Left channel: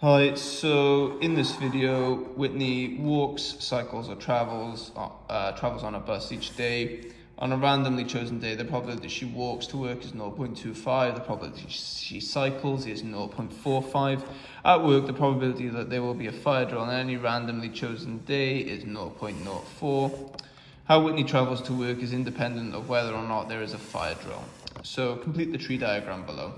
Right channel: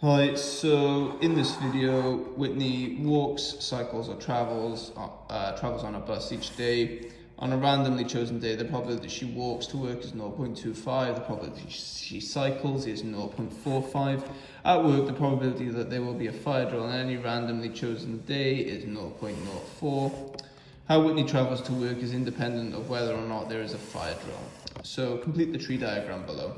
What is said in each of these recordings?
Hi, so in this video, Whitney walks, cycles or travels on a bus each day. On a randomly chosen day, the probability she walks to work is 0.25, the probability she cycles is 0.45. At work, the probability that there will be a fire drill on any randomly chosen day is 0.04. How Whitney travels to work is independent of whether or not there is a fire drill. So complete the tree diagram below.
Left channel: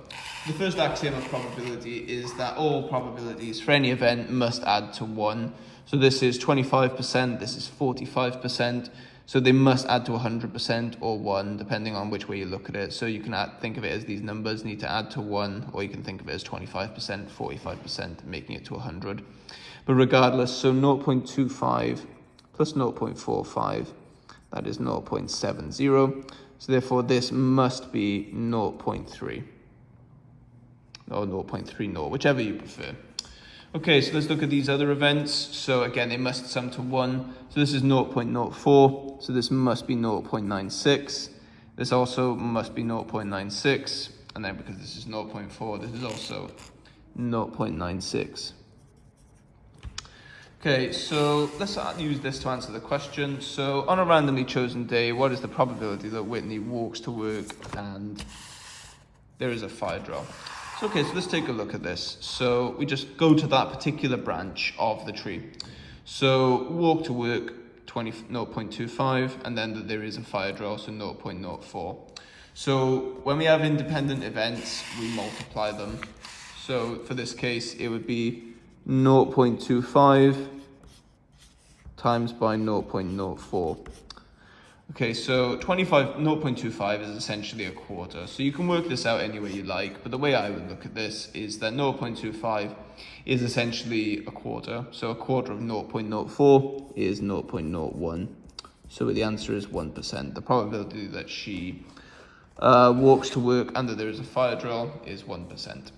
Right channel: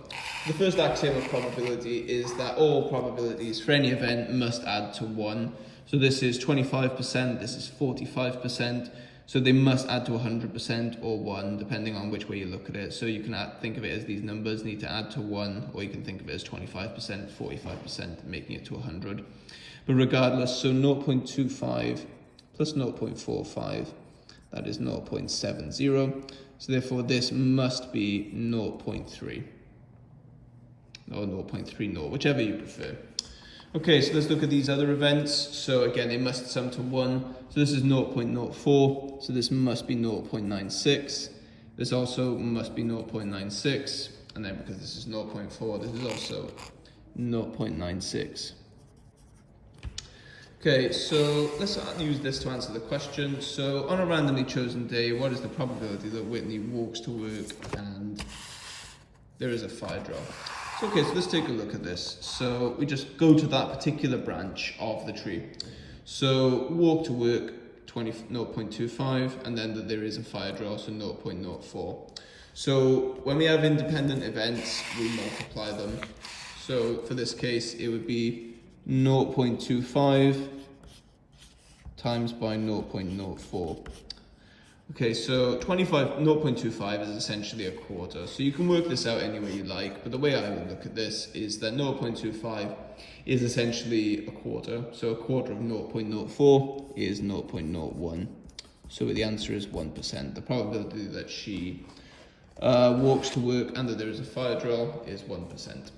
The first axiom of probability is that all probabilities for any event must add to 1. So this is 25%, this is 45%, so they must add to 100% or 1, depending on which way you look at it. So you can think of it as these numbers need to add to 1, or you can think of it as 25%, 45%, making it to 100. But regardless, so 0.25 plus 0.45, that is 0.70. So therefore this must be 0.3 or 0.30, whichever you prefer. Okay, so let's look at these other events. So again, they must sum to 1. So this is 0.04, so this must be 0.96. This also must be 0.96. And then because this is 0.4, this is also 0.96. Okay, so let's use this to answer the question. So on a randomly chosen day, what is the probability that Whitney walks to work and there is a fire drill? So, okay, so let's take a look at this. So we just go to that particular branch of the tree. So walk to work, 0.25, and then that there is a fire drill, so 0.04. So when we have independent events, we multiply them. So for this case, it would be 0.25 times by 0.04. Okay, so 0.25 is essentially a quarter. So you can work this out any way you like, but the way I would look at this is that 0.25 is essentially a quarter. So a quarter of 0.04 is 0.01. So the answer is 1%. The probability that she walks to work and that there is a fire drill is 1%.